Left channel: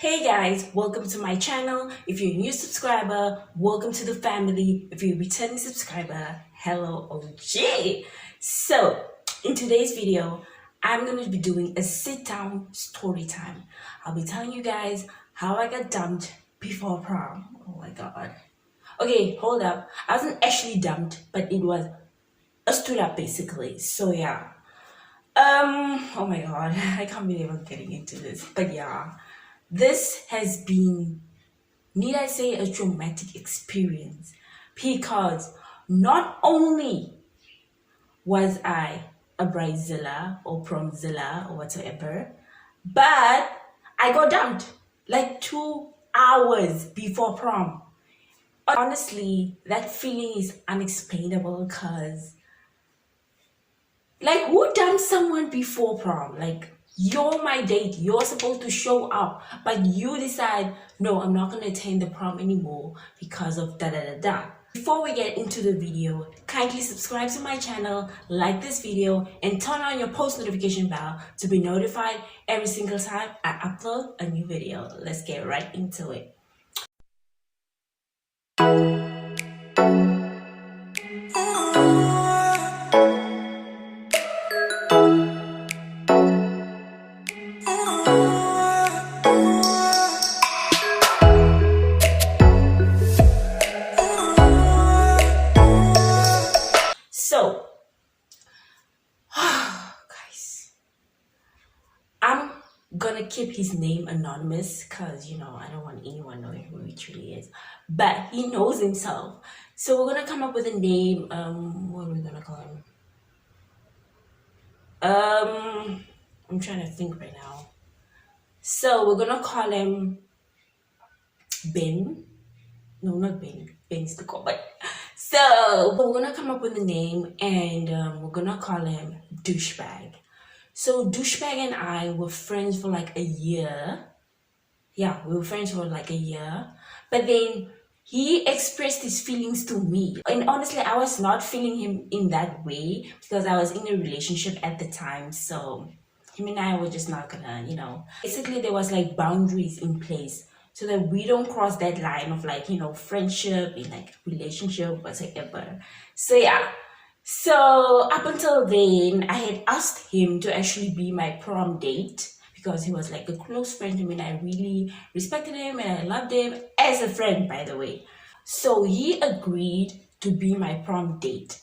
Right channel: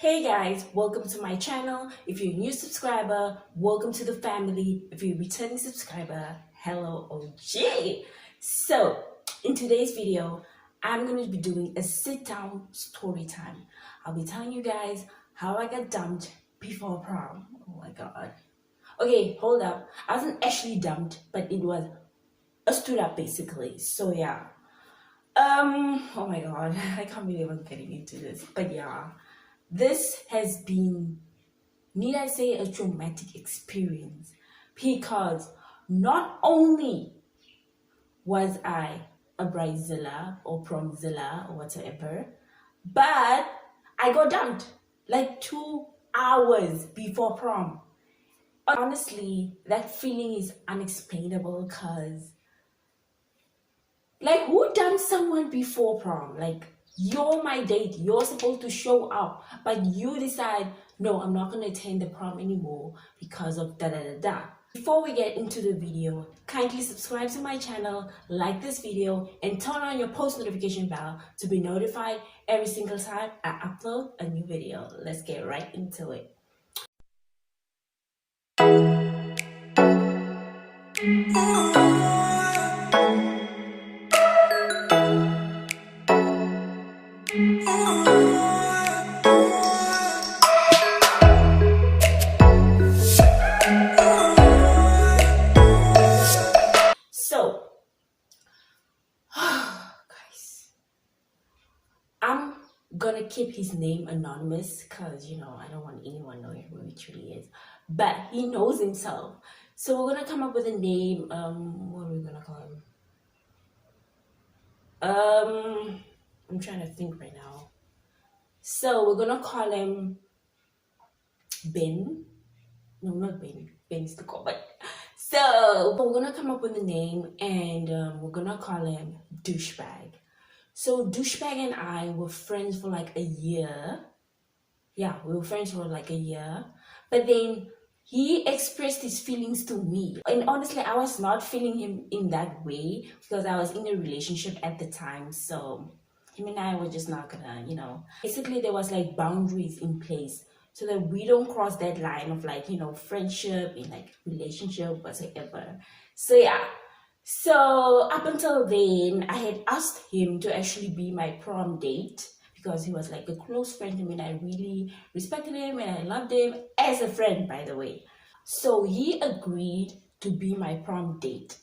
Hey guys, welcome to my channel. If you're a new subscriber, welcome to the family. If you're a returning subscriber, hello OG. So, in today's video, I'm going to be doing a sit-down story time. I'll be telling you guys how I got dumped before prom. Oh my god. Okay, hold up. I wasn't actually dumped, but it was a stood up basically. So yeah. Oh my god, I can't believe I'm getting into this. But yeah. This has been, need I say, a traumatic experience because not only was I a bridezilla or promzilla or whatsoever, but I got dumped like 2 hours before prom. Honestly, that feeling is unexplainable because, like, who dumped someone before prom? Like, you're my date, you're supposed to show up, but you decide, no, I'm not going to attend the prom anymore because of da da da da. Before we get into the video, kindly subscribe to my channel, like this video, and turn on your post notification bell to be notified every single time I upload a new video. Let's get right into it. So, guys, I'm gonna keep his name anonymous because, I don't want anyone knowing who he truly is, but he knows himself. So we're gonna come up with a name. What are we gonna call him? I'm trying to think right now. So we're gonna call him Ben. No, not Ben. Ben's the call, but so we're gonna come up with a name, and we're gonna call him Douchebag. So Douchebag and I were friends for like a year. Yeah, we were friends for like a year, but then he expressed his feelings to me, and honestly I was not feeling him in that way because I was in a relationship at the time. So him and I were just not gonna, basically there was like boundaries in place so that we don't cross that line of like, friendship and like relationship whatsoever. So yeah, so up until then I had asked him to actually be my prom date because he was like a close friend to me and I really respected him and I loved him as a friend, by the way. So he agreed to be my prom date.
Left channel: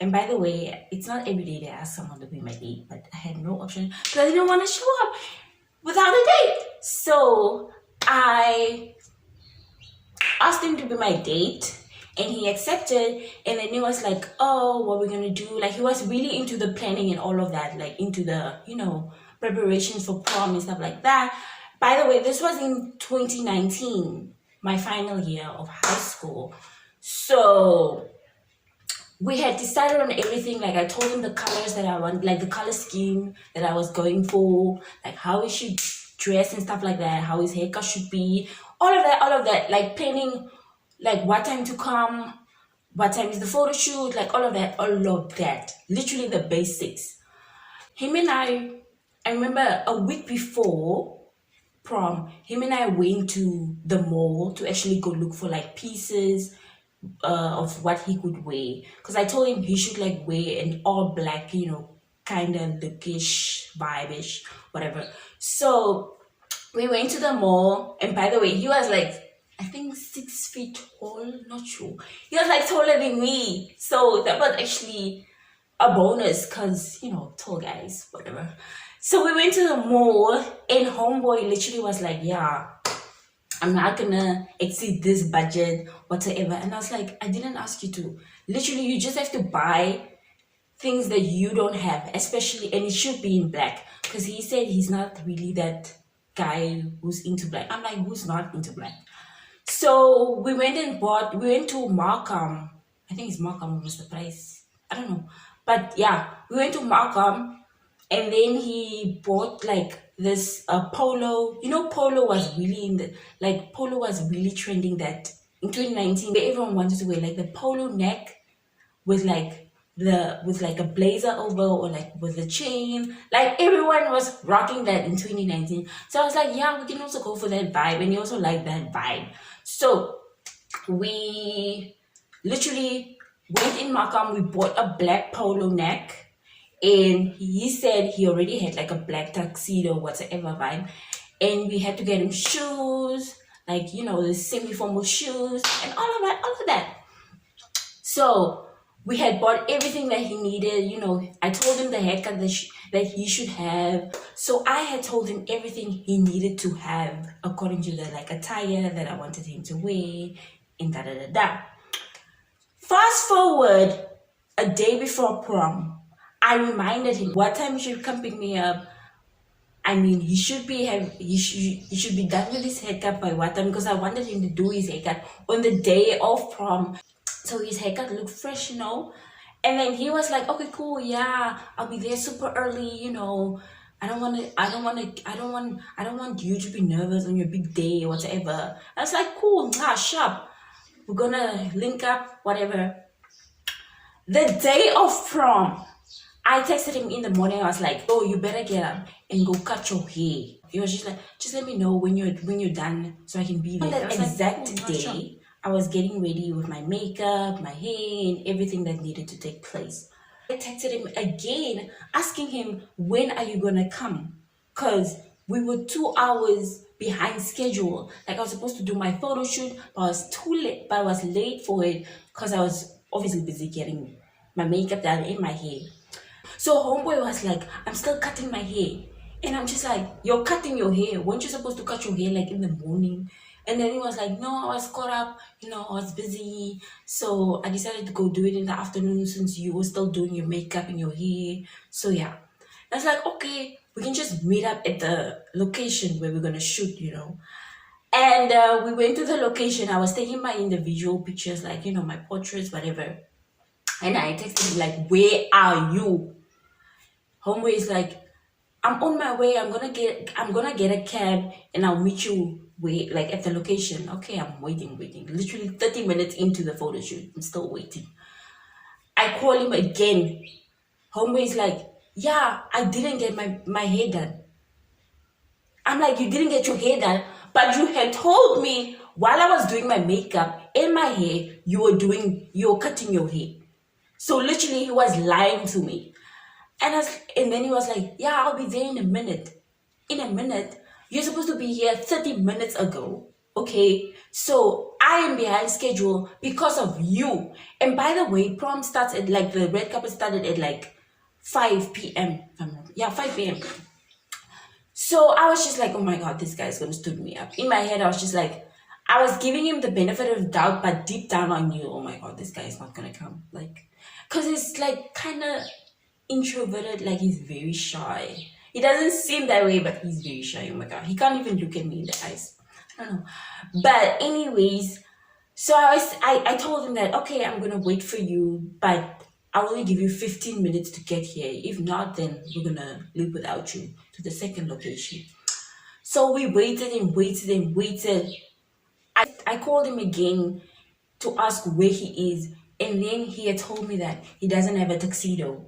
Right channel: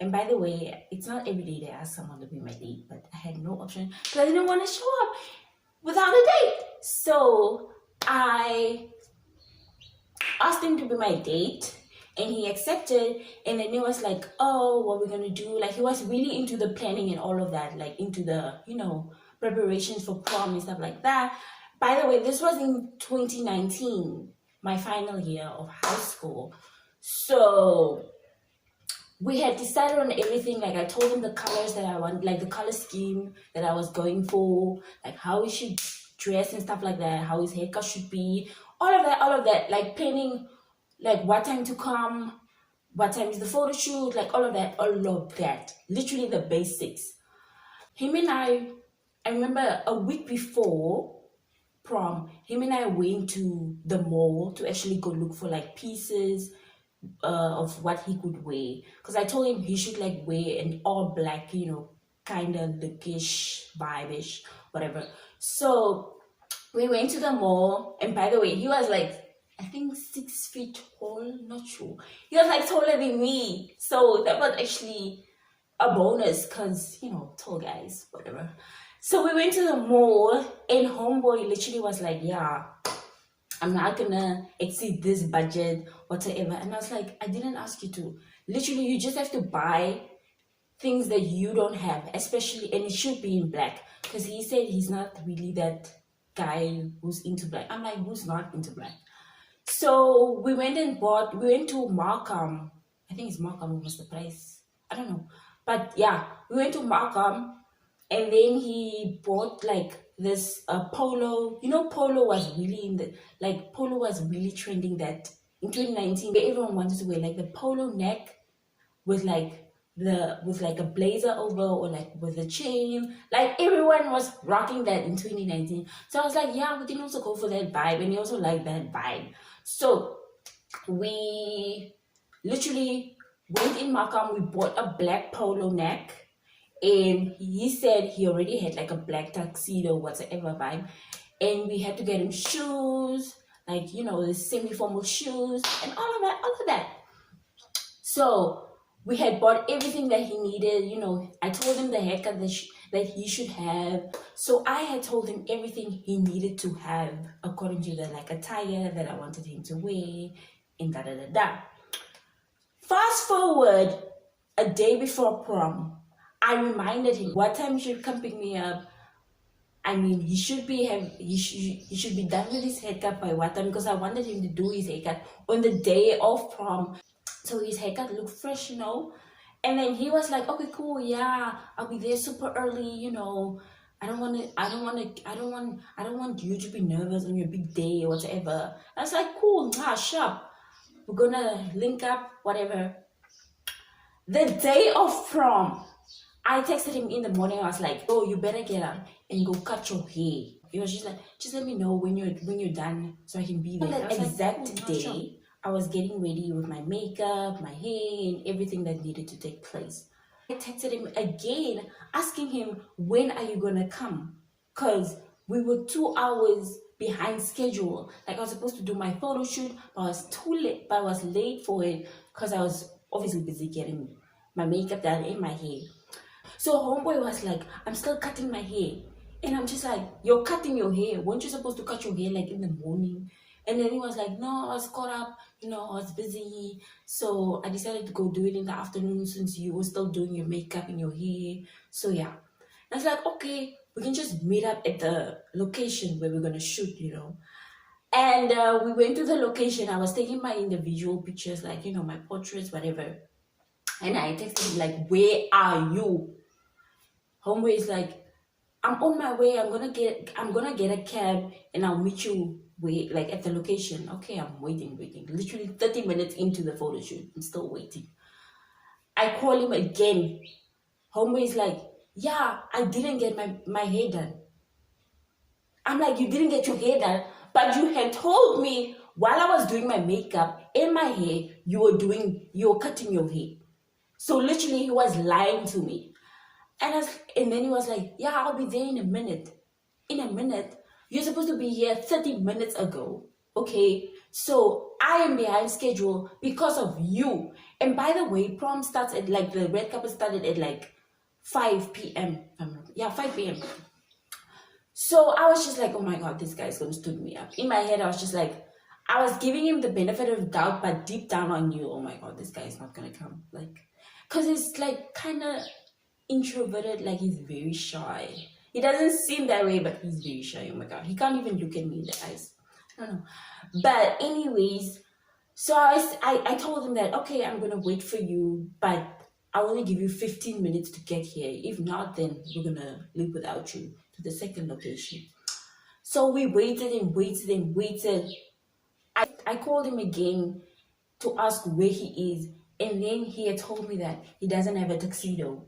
And by the way, it's not every day they ask someone to be my date, but I had no option because I didn't want to show up without a date. So I asked him to be my date and he accepted, and then he was like, oh, what we're gonna do? Like, he was really into the planning and all of that, like into the, preparations for prom and stuff like that. By the way, this was in 2019, my final year of high school. So we had decided on everything. Like, I told him the colors that I want, like the color scheme that I was going for, like how he should dress and stuff like that, how his haircut should be, all of that, like planning, like what time to come, what time is the photo shoot, like all of that, literally the basics. Him and I remember a week before prom, him and I went to the mall to actually go look for like pieces of what he could wear, because I told him he should like wear an all black, kind of lookish, vibe-ish, whatever. So we went to the mall, and by the way, he was like, I think 6 feet tall, not sure. He was like taller than me, so that was actually a bonus because, tall guys, whatever. So we went to the mall, and homeboy literally was like, yeah, I'm not gonna exceed this budget whatsoever. And I was like, I didn't ask you to. Literally, you just have to buy things that you don't have, especially, and it should be in black, because he said he's not really that guy who's into black. I'm like, who's not into black? So we went to Markham. I think it's Markham was the price, I don't know, but yeah, we went to Markham. And then he bought like this polo. Polo was really polo was really trending that in 2019. Everyone wanted to wear like the polo neck with like with like a blazer over or like with a chain. Like everyone was rocking that in 2019. So I was like, yeah, we can also go for that vibe, and he also liked that vibe. So we literally went in Markham, we bought a black polo neck, and he said he already had like a black tuxedo, whatsoever vibe, and we had to get him shoes, like, you know, the semi-formal shoes and all of that. So we had bought everything that he needed. You know, I told him the haircut that he should have. So I had told him everything he needed to have according to the like attire that I wanted him to wear, and da da da da. Fast forward a day before prom, I reminded him what time he should come pick me up. I mean, he should be done with his haircut by what time, because I wanted him to do his haircut on the day of prom, so his haircut looked fresh, you know. And then he was like, okay, cool, yeah, I'll be there super early, you know. I don't want you to be nervous on your big day or whatever. I was like, cool, sharp. We're gonna link up, whatever. The day of prom, I texted him in the morning. I was like, oh, you better get up and go cut your hair. He was just like, just let me know when you're done so I can be there. On that exact day, I was getting ready with my makeup, my hair, and everything that needed to take place. I texted him again, asking him, when are you gonna come? Because we were 2 hours behind schedule. Like, I was supposed to do my photo shoot, but I was too late. But I was late for it because I was obviously busy getting my makeup done and my hair. So homeboy was like, I'm still cutting my hair. And I'm just like, you're cutting your hair. Weren't you supposed to cut your hair like in the morning? And then he was like, no, I was caught up, you know, I was busy. So I decided to go do it in the afternoon since you were still doing your makeup and your hair. So yeah. I was like, okay, we can just meet up at the location where we're going to shoot, you know. And we went to the location. I was taking my individual pictures, like, you know, my portraits, whatever. And I texted him like, where are you? Homeboy is like, I'm on my way. I'm gonna get a cab and I'll meet you like at the location. Okay, I'm waiting. Literally 30 minutes into the photo shoot, I'm still waiting. I call him again. Homeboy is like, yeah, I didn't get my hair done. I'm like, you didn't get your hair done, but you had told me while I was doing my makeup and my hair, you were cutting your hair. So literally he was lying to me. And then he was like, yeah, I'll be there in a minute. In a minute? You're supposed to be here 30 minutes ago. Okay? So I am behind schedule because of you. And by the way, prom starts at like, the red carpet started at like 5 p.m. Yeah, 5 p.m. So I was just like, oh my God, this guy's gonna stood me up. In my head, I was just like, I was giving him the benefit of doubt, but deep down I knew, oh my God, this guy is not gonna come. Like, cause it's like kind of introverted, like he's very shy. He doesn't seem that way, but he's very shy. Oh my God, he can't even look at me in the eyes. I don't know. But anyways, so I told him that, okay, I'm gonna wait for you, but I'll only give you 15 minutes to get here. If not, then we're gonna leave without you to the second location. So we waited and waited and waited. I called him again to ask where he is, and then he had told me that he doesn't have a tuxedo.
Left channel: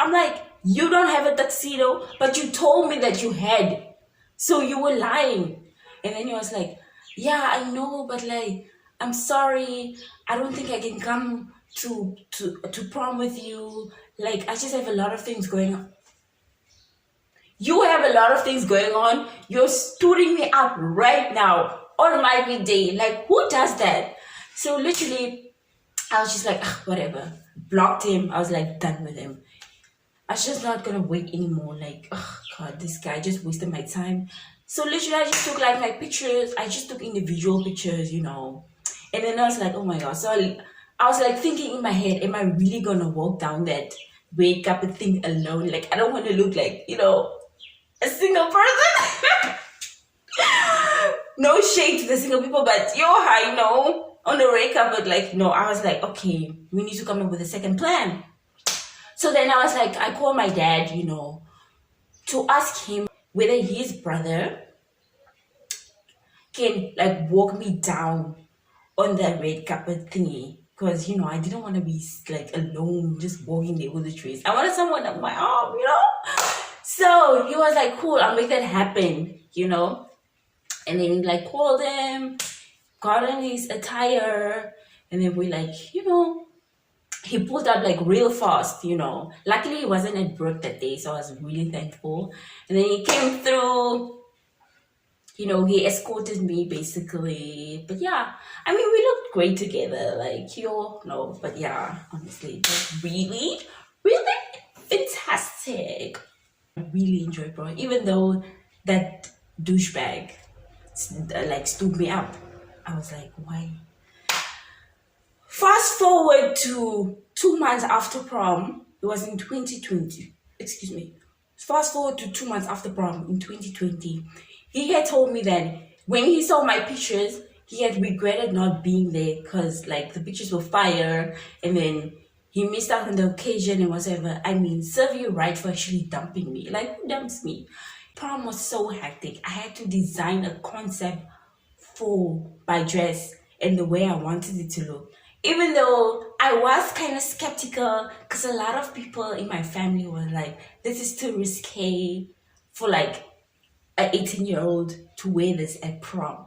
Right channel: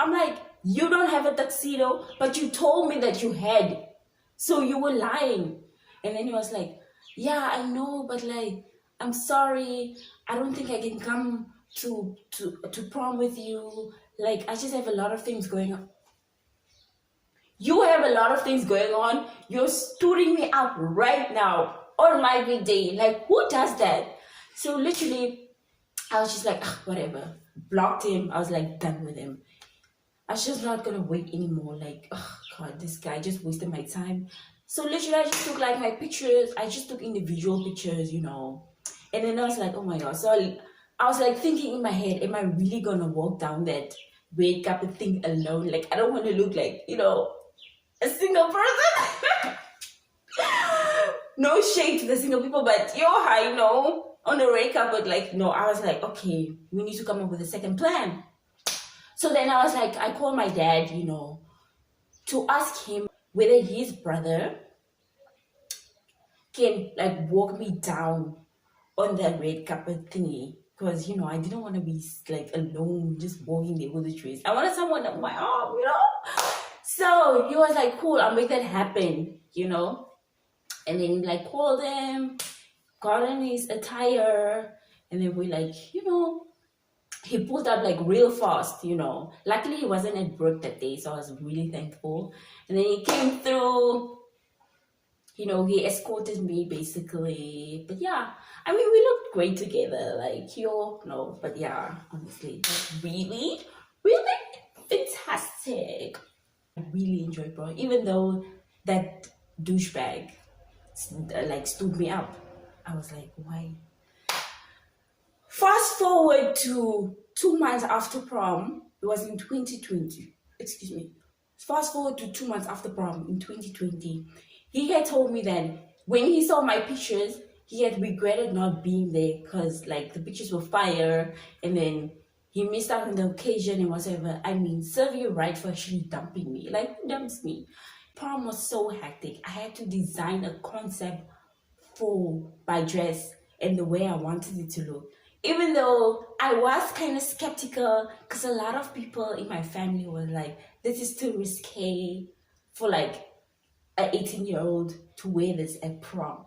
I'm like, you don't have a tuxedo, but you told me that you had. So you were lying. And then he was like, yeah, I know, but like, I'm sorry. I don't think I can come to prom with you. Like, I just have a lot of things going on. You have a lot of things going on. You're stooting me up right now on my big day. Like, who does that? So literally, I was just like, whatever. Blocked him. I was like, done with him. I was just not gonna wait anymore. Like, oh God, this guy just wasted my time. So literally, I just took like my pictures. I just took individual pictures, you know. And then I was like, oh my God. So I was like thinking in my head, am I really gonna walk down that red carpet thing alone? Like, I don't want to look like, you know, a single person. No shade to the single people, but you know, on the red carpet, like, no. I was like, okay, we need to come up with a second plan. So then I was like, I called my dad, you know, to ask him whether his brother can like walk me down on that red carpet thingy. because I didn't want to be like alone just walking there with the trees. I wanted someone on my arm. So he was like, cool, I'll make that happen. And then like called him, got in his attire, and then we like he pulled up like real fast. Luckily he wasn't at work that day, so I was really thankful. And then he came through. He escorted me basically. But yeah, I mean, we looked great together. Like, no, but yeah, honestly, it was really, really fantastic. I really enjoyed Prom, even though that douchebag like stood me up. I was like, why? Fast forward to 2 months after Prom. It was in 2020. Excuse me. Fast forward to 2 months after Prom in 2020. He had told me that when he saw my pictures, he had regretted not being there because like the pictures were fire, and then he missed out on the occasion and whatever. I mean, serve you right for actually dumping me. Like, who dumps me? Prom was so hectic. I had to design a concept for my dress and the way I wanted it to look. Even though I was kind of skeptical because a lot of people in my family were like, this is too risque for like an 18-year-old to wear this at prom.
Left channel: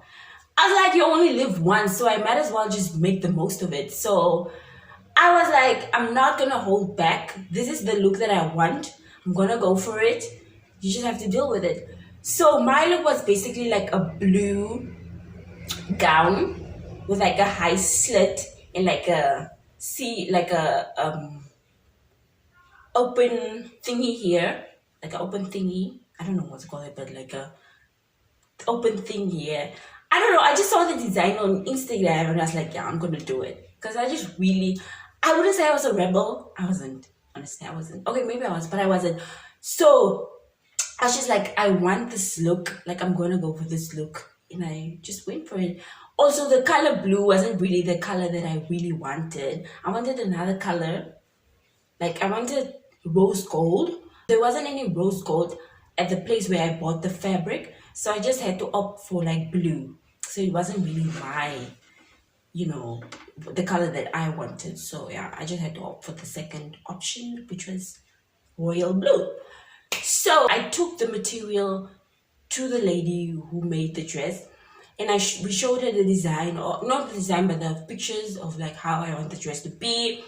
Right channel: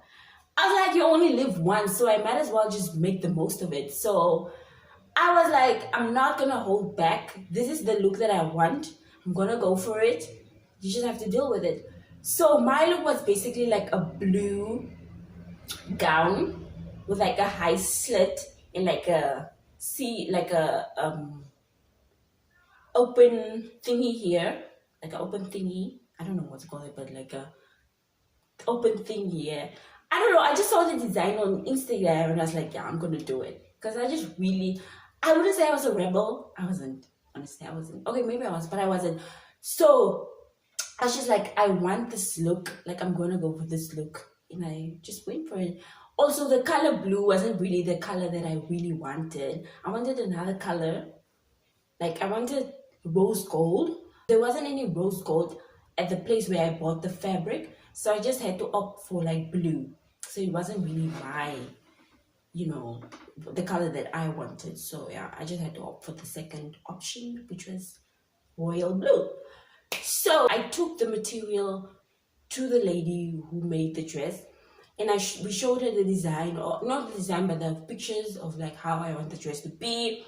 I was like, you only live once, so I might as well just make the most of it. So I was like, I'm not gonna hold back. This is the look that I want. I'm gonna go for it. You just have to deal with it. So my look was basically like a blue gown with like a high slit and like a open thingy here, like an open thingy. I don't know what to call it, but like a open thing here. I don't know. I just saw the design on Instagram and I was like, yeah, I'm gonna do it. Because I wouldn't say I was a rebel. I wasn't. Honestly, I wasn't. Okay, maybe I was, but I wasn't. So I was just like, I want this look. Like, I'm gonna go for this look. And I just went for it. Also, the color blue wasn't really the color that I really wanted. I wanted another color. Like, I wanted rose gold. There wasn't any rose gold at the place where I bought the fabric. So I just had to opt for like blue. So it wasn't really my, the color that I wanted. So yeah, I just had to opt for the second option, which was royal blue. So I took the material to the lady who made the dress, and we showed her the design, or not the design, but the pictures of like how I want the dress to be.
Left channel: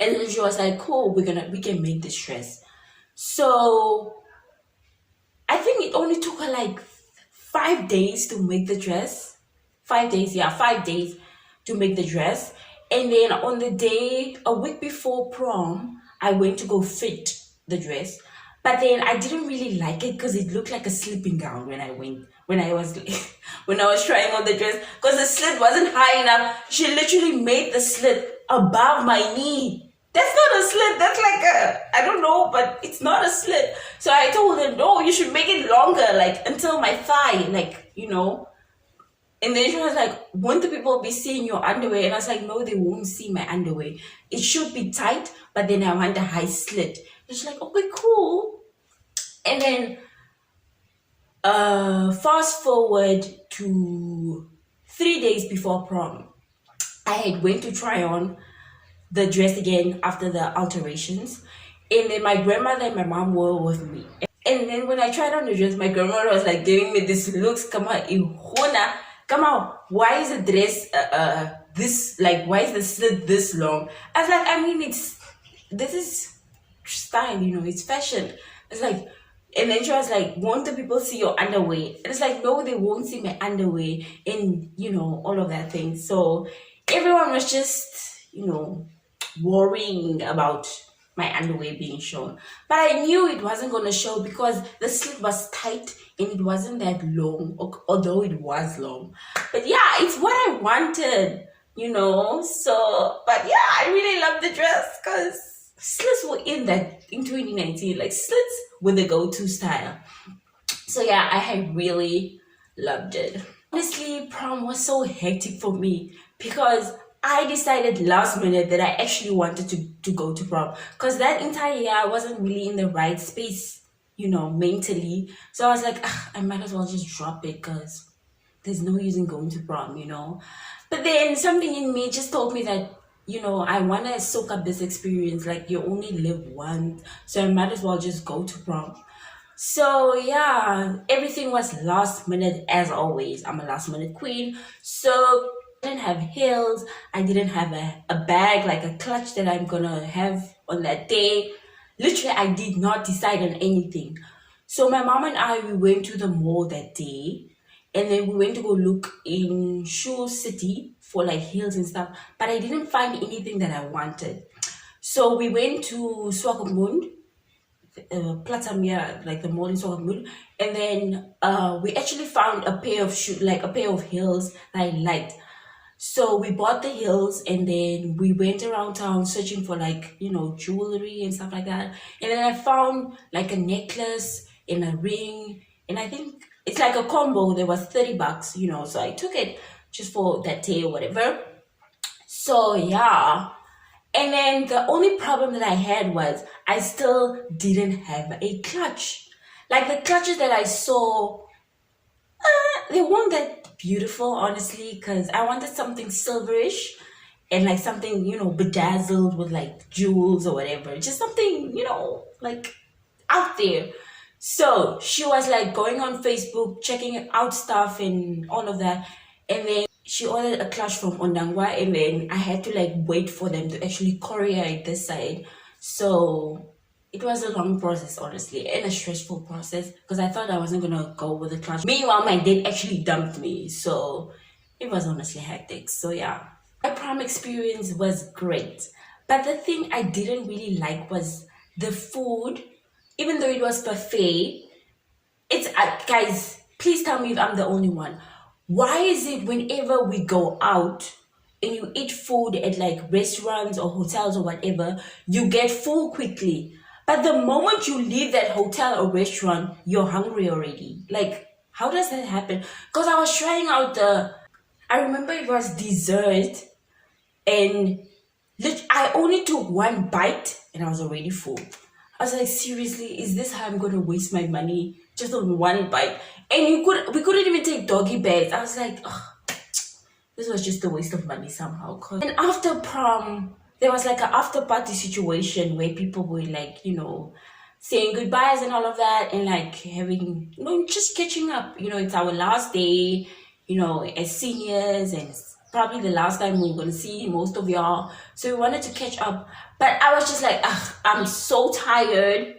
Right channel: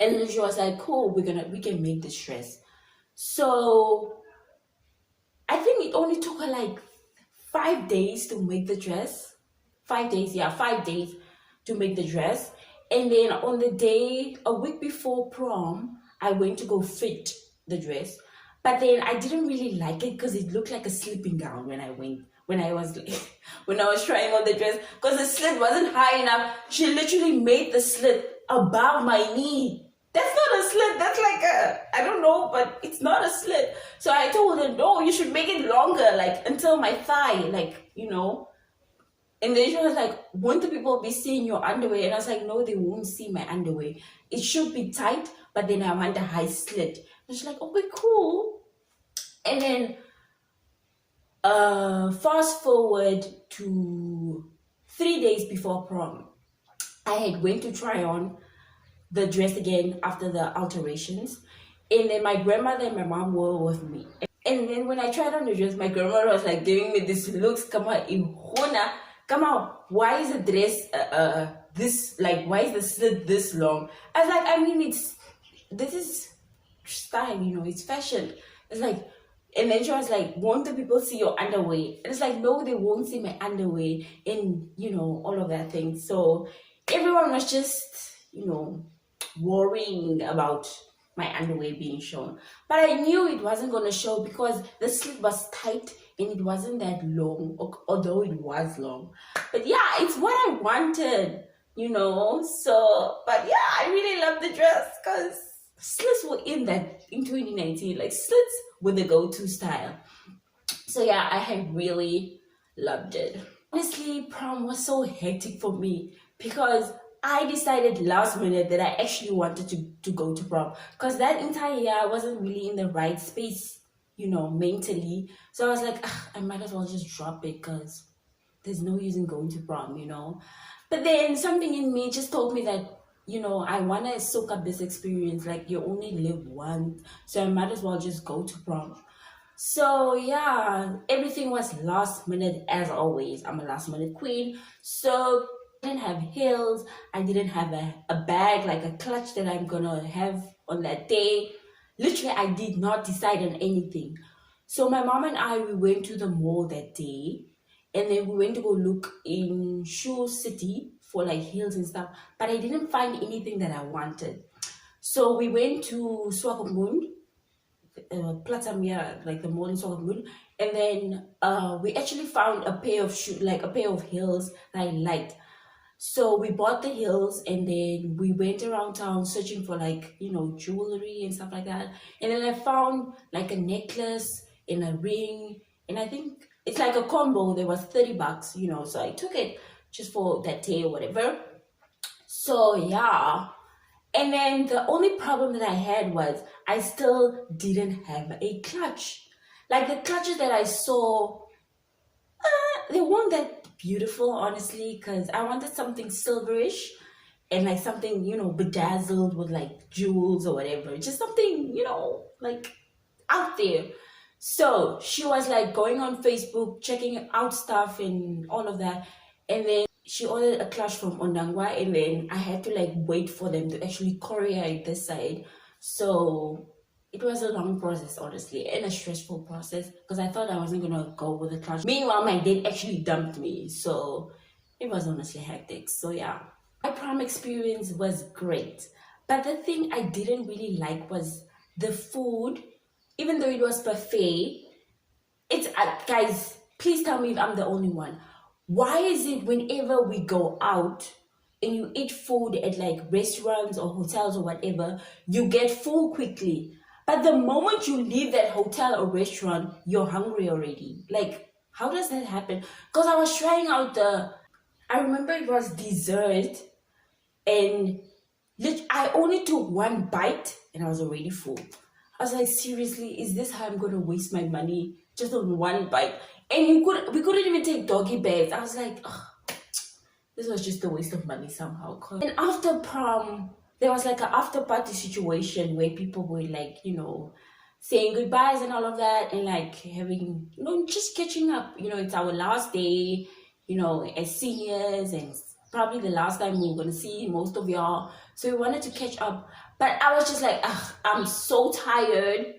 And then she was like, cool, we can make this dress. So I think it only took her like 5 days to make the dress. 5 days, yeah, 5 days to make the dress. And then on the day, a week before prom, I went to go fit the dress. But then I didn't really like it because it looked like a sleeping gown when I was trying on the dress, because the slit wasn't high enough. She literally made the slit above my knee. That's not a slit. That's like I don't know, but it's not a slit. So I told her, no, you should make it longer, like until my thigh, like, And then she was like, won't the people be seeing your underwear? And I was like, no, they won't see my underwear. It should be tight, but then I want a high slit. And she's like, okay, cool. And then fast forward to 3 days before prom, I had went to try on the dress again after the alterations, and then my grandmother and my mom were with me. And then when I tried on the dress, my grandmother was like giving me this looks, come on, why is the dress this, like, why is the slit this long? I was like, I mean, this is style, it's fashion. It's like, and then she was like, won't the people see your underwear? And it's like, no, they won't see my underwear, and all of that thing. So everyone was just worrying about my underwear being shown, but I knew it wasn't going to show because the slit was tight and it wasn't that long, although it was long. But yeah, it's what I wanted, so, but yeah, I really love the dress because slits were in 2019, like slits were the go-to style. So yeah, I had really loved it. Honestly, prom was so hectic for me because I decided last minute that I actually wanted to go to prom, because that entire year I wasn't really in the right space, mentally. So I was like, I might as well just drop it, because there's no use in going to prom, you know. But then something in me just told me that, you know, I want to soak up this experience. Like, you only live once, so I might as well just go to prom. So yeah, everything was last minute as always. I'm a last minute queen. So I didn't have heels. I didn't have a bag, like a clutch that I'm gonna have on that day. Literally, I did not decide on anything. So my mom and I, we went to the mall that day, and then we went to go look in Shoe City for like heels and stuff, but I didn't find anything that I wanted. So we went to Swakopmund, Platamia, like the mall in Swakopmund, and then we actually found a pair of shoes, like a pair of heels that I liked. So we bought the heels, and then we went around town searching for, like, you know, jewelry and stuff like that. And then I found like a necklace and a ring, and I think it's like a combo. There was $30, you know, so I took it just for that day or whatever. So yeah. And then the only problem that I had was I still didn't have a clutch. Like, the clutches that I saw, they weren't that beautiful, honestly, because I wanted something silverish and like something, you know, bedazzled with like jewels or whatever. Just something, you know, like out there. So she was like going on Facebook, checking out stuff and all of that. And then she ordered a clutch from Ondangwa, and then I had to like wait for them to actually courier it this side. So it was a long process, honestly, and a stressful process, because I thought I wasn't gonna go with a clutch. Meanwhile, my date actually dumped me, so it was honestly hectic. So yeah, my prom experience was great, but the thing I didn't really like was the food. Even though it was buffet, it's guys, please tell me if I'm the only one. Why is it whenever we go out and you eat food at like restaurants or hotels or whatever, you get full quickly, but the moment you leave that hotel or restaurant, you're hungry already? Like, how does that happen? Because I was trying out I remember it was dessert, and I only took one bite and I was already full. I was like, seriously, is this how I'm going to waste my money just on one bite? And we couldn't even take doggy bags. I was like, oh, this was just a waste of money somehow. And after prom, there was like an after party situation where people were like, you know, saying goodbyes and all of that, and like having, you know, just catching up. You know, it's our last day, you know, as seniors, and it's probably the last time we're going to see most of y'all. So we wanted to catch up. But I was just like, I'm so tired.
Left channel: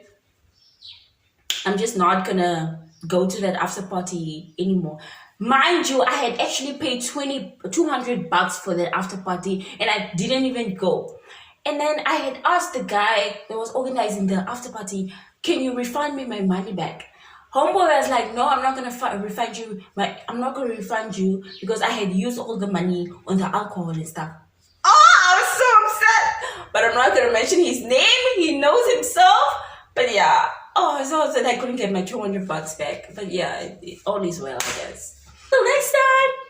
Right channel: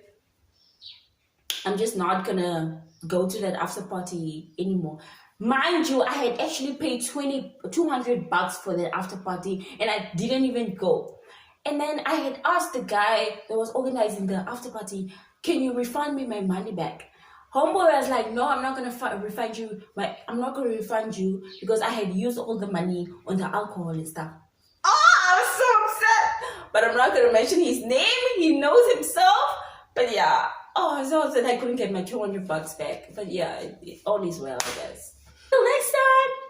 I'm just not going to go to that after party anymore. Mind you, I had actually paid $200 for that after party, and I didn't even go. And then I had asked the guy that was organizing the after party, can you refund me my money back? Homeboy was like, no, I'm not gonna refund you. I'm not gonna refund you because I had used all the money on the alcohol and stuff. Oh, I was so upset. But I'm not gonna mention his name. He knows himself. But yeah. Oh, I was so upset I couldn't get my $200 back. But yeah, all is well, I guess. Till next time.